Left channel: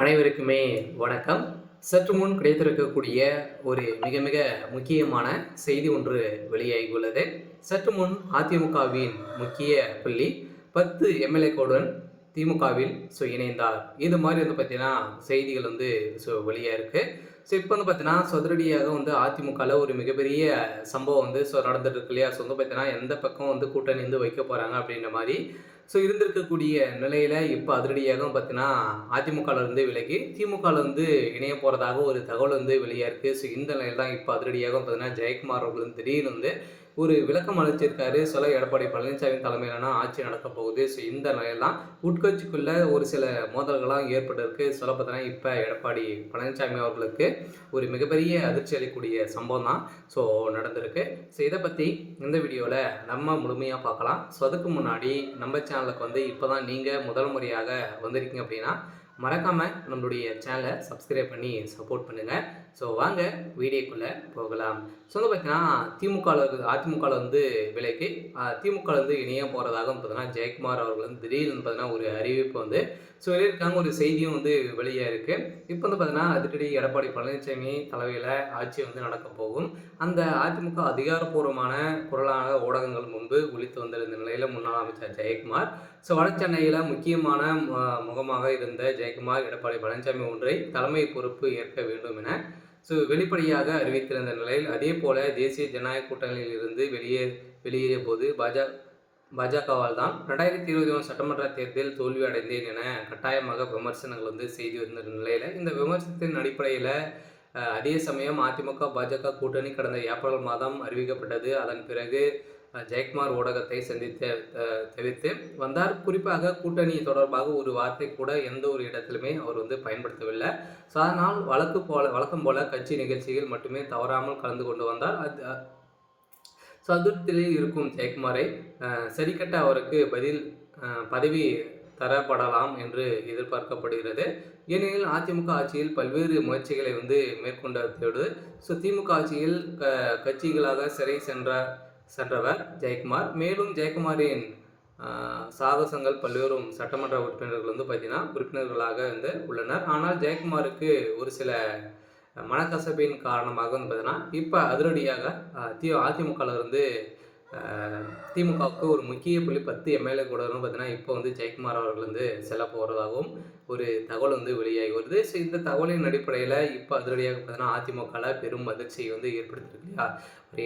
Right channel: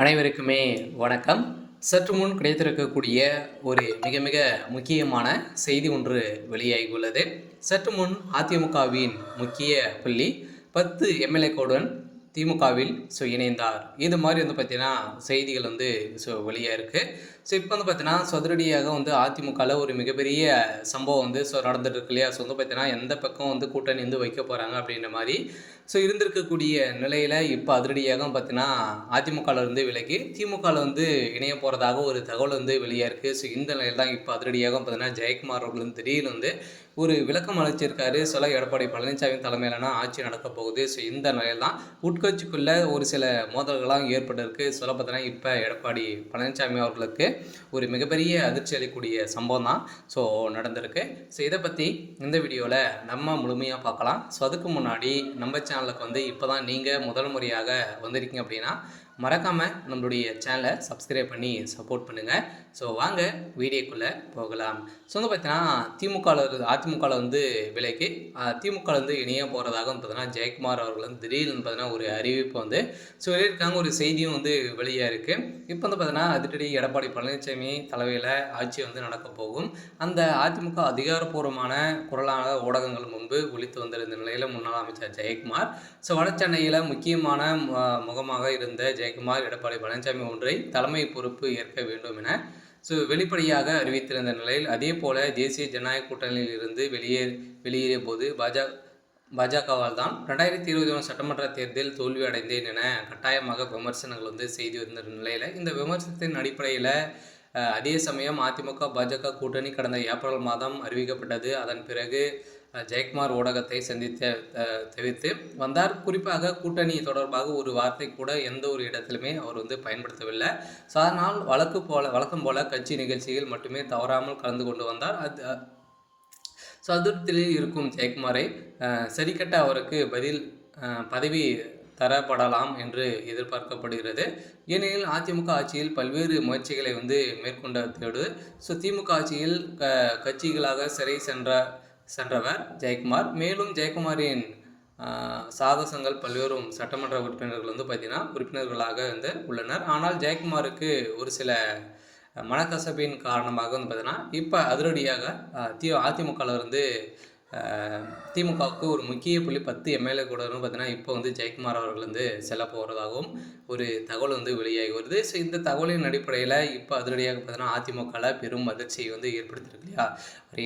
அனைவருக்குமே வணக்கம். சற்று முன் கிடைத்திருக்கக்கூடிய ஒரு மிக மிக முக்கியமான செய்தி ஒன்று வெளியாகியுள்ளது. சற்று முன் அதிமுகவின் முக்கிய புள்ளி 10 எம்எல்ஏக்களுடன் திமுகவில் இணைந்தார். இது மாதிரி பார்த்தீங்கன்னா செய்திகள் வெளியாக இருக்குது. இப்போ பார்த்தீங்கன்னா சதுரடியாக அதிமுகவில் ஒரு மிகப்பெரிய சம்பவம் நடந்துட்டு இருக்கு இல்லையா? பார்த்தீங்கன்னா எந்த பக்கம் கூட்டணி வைக்க போகிறாங்க அப்படின்ற மாதிரி இருந்திருக்கக்கூடிய நிலையில் இப்போ அதிரடியாக பார்த்தீங்கன்னா அதிமுகவிலிருந்து விலகி திமுகவில் இணைய போகிறதாக ஒரு தகவல் வெளியாக இருக்குது. இந்த நிலையில் தான் இப்போ அதிரடியாக பார்த்தீங்கன்னா ஜெயக்குமார் அவர்கள் திடீர்னு ஒரு விளக்கம் அளிச்சிருக்காரு. எடப்பாடி பழனிசாமி தலைமையிலான ஆட்சி நடக்க போகுது. இந்த நிலையில் தான் உட்கட்சிக்குள்ள ஒரு சில மோதல்களாம் ஏற்பட்டிருக்கு. பார்த்தீங்கன்னா இப்போ எடப்பாடி பழனிசாமி அவர்களுக்கு ஒரு மிகப்பெரிய அதிர்ச்சி அளிக்கக்கூடிய சம்பவம் தான் நடந்திருக்கு. இதை பற்றி இந்த வீடியோவில் நம்ம முழுமையாக பார்க்கலாம். அதுக்கு முன்னாடி நம்ம சேனலுக்கு இப்போ தான் நீங்கள் முதல் முறையாக வந்திருக்கீங்க அப்படின்னா மறக்காமல் நம்மளுடைய சேனலை சப்ஸ்கிரைப் பண்ணி சப்போர்ட் பண்ணுங்கள். வாங்க வீடியோக்குள்ளே போகலாம். பார்த்தீங்கன்னா அதிமுகவில் விலைக்கு திமுகவில் இணைய போகிறதாக பார்த்தீங்கன்னா ஜெயக்குமார் அவர்கள் திடீர்னு பார்த்தீங்கன்னா ஒரு அறிவிப்பு சொல்லியிருக்காங்க. ஒரு செய்தியும் வெளியாக இருக்குது. இப்போ பார்த்தீங்கன்னா அதிரடி எடப்பாடி பழனிசாமி தலைமையில் ஆட்சி நடக்க போகும். அந்த அதிமுக அதிகாரப்பூர்வமான குரலாக ஊடகங்கள் முன்பு ஒழித்து வந்திருந்த நிலையில் முன்னாள் அமைச்சர் ஜெயக்குமார் வட சென்னையில் முக்கியமான முகமாக இருந்த ஜெயக்குமார் எடப்பாடி பழனிசாமி ஒன்றை தலைமை பொறுப்பு ஏற்க வேண்டும் என வெளிப்படையாக அறிவித்திருந்த நிலையில் அதே போல தேசிய ஜனநாயக கூட்டணியில் இருந்து வெளியேறிய போது பாஜகவால் தான் 2021 சட்டமன்ற தேர்தல் தோல்வி அடைந்தேன் என கட்டாயமாக விமர்சனங்கள் செய்து வந்த நிலையில் இந்த விமர்சனத்தின் அடிப்படையில் அதே சமயம் அதிமுக பாஜக கூட்டணி கடந்த ஏப்ரல் மாதம் அறிவிக்கப்பட்டது. அதன் பிறகு ஜெயக்குமார் ஊடகத்தை தவிர்த்து வந்தார். குறிப்பாக கூட்டணி தொடர்பாக ஒரு வார்த்தை கூட எந்த ஒரு இடத்திலுமே அவர் பயன்படுத்தவில்லை. அதனால் வழக்கம் போல கட்சி நிகழ்ச்சிகள் மட்டுமே தவறாமல் கலந்து கொண்டு வந்தார். அதிருப்தியில் இருக்கும் ஜெயக்குமாரை சரிக்கட்ட அவருக்கு பதவி தரப்படலாம் என்று எதிர்பார்க்கப்படுகிறது. ஏனெனில் அதிமுக ஆட்சியில் பல்வேறு முயற்சிகளை மேற்கொண்டதோடு திமுக ஆட்சியில் கட்சிகளாக சிறை சென்றவர் ஜெயக்குமார். மேலும் ஜெயக்குமாரின் சாகசங்கள் பல்வேறு சட்டமன்ற உறுப்பினர்கள் பார்த்தீங்கன்னா உறுப்பினர்களாக உள்ளனர். ஆனால் ஜெயக்குமாருக்கு ஒரு சில மனக்கசப்பின் காரணமாக பார்த்தீங்கன்னா இப்போ அதிரடியாக அதிமுகவிலிருந்து திமுகவுக்கு ஒரு முக்கிய புள்ளி 10 எம்எல்ஏ கூட பார்த்தீங்கன்னா இப்போ ஜெயக்குமார் அவர்கள் செல்ல போகிறதாகவும் ஒரு தகவல் வெளியாகி வருது. இந்த தகவலின் அடிப்படையில் இப்போ அதிரடியாக பார்த்தீங்கன்னா அதிமுகவில் பெரும் அதிர்ச்சியை ஏற்படுத்தியிருக்கு இல்லையா?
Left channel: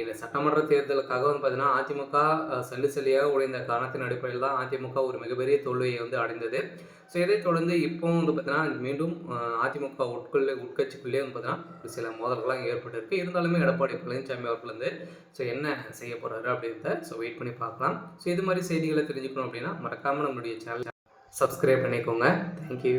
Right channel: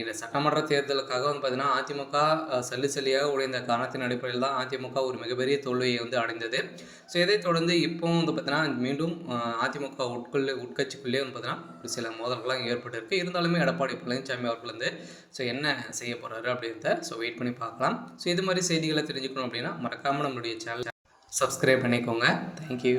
இந்த சட்டமன்ற தேர்தலுக்காக பார்த்தீங்கன்னா அதிமுக சல்லியாக உடைந்த காரணத்தின் அடிப்படையில் தான் அதிமுக ஒரு மிகப்பெரிய தோல்வியை அடைந்தது. இதைத் தொடர்ந்து இப்போ பார்த்தீங்கன்னா மீண்டும் அதிமுக உட்கட்சிக்குள்ளே பார்த்தீங்கன்னா ஒரு சில மோதல்கள்லாம் ஏற்பட்டிருக்கு. இருந்தாலுமே எடப்பாடி பழனிசாமி அவர்கள் என்ன செய்ய போகிறாரு அப்படின்றத வெயிட் பண்ணி பார்க்கலாம். இது மாதிரி செய்திகளை தெரிஞ்சுக்கணும் அப்படின்னா மறக்காமல் நம்மளுடைய சேனல் சப்ஸ்கிரைப் பண்ணிக்கோங்க. தேங்க்யூ.